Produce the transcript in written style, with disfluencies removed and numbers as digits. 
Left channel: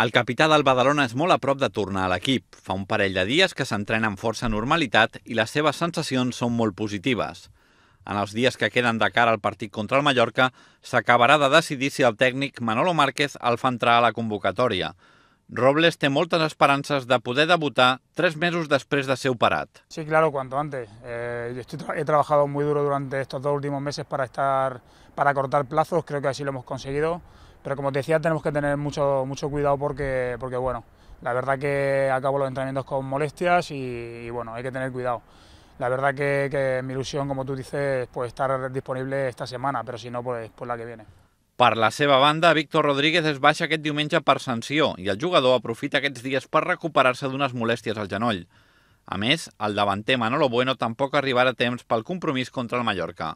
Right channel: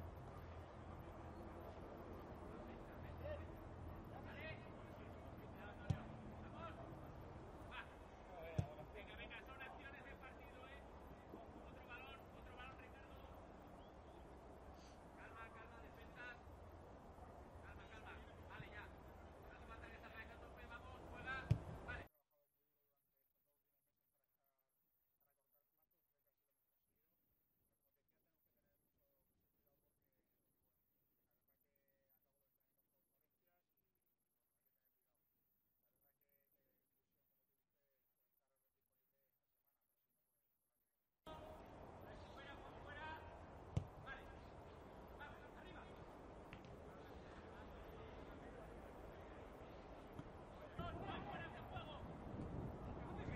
El capità del Badalona és molt a prop de tornar a l'equip. Fa un parell de dies que s'entrena amb força normalitat i les seves sensacions són molt positives. En els dies que queden de cara al partit contra el Mallorca, s'acabarà de decidir si el tècnic Manolo Márquez el fa entrar a la convocatòria. Robles té moltes esperances de poder debutar 3 mesos després de ser operat. Sí, claro, cuanto antes. He trabajado muy duro durante estos 2 últimos meses para cortar plazos, creo que así lo hemos conseguido. Pero como te decía, tenemos que tener mucho cuidado porque bueno, la verdad que acabo los entrenamientos con molestias y bueno, hay que tener cuidado. La verdad que mi ilusión, como tú dices, pues estar disponible esta semana, pero si no, pues la que viene. Per la seva banda, Víctor Rodríguez es baixa aquest diumenge per sanció i el jugador aprofita aquests dies per recuperar-se d'unes molèsties al genoll. A més, el davanter Manolo Bueno tampoc arribarà a temps pel compromís contra el Mallorca.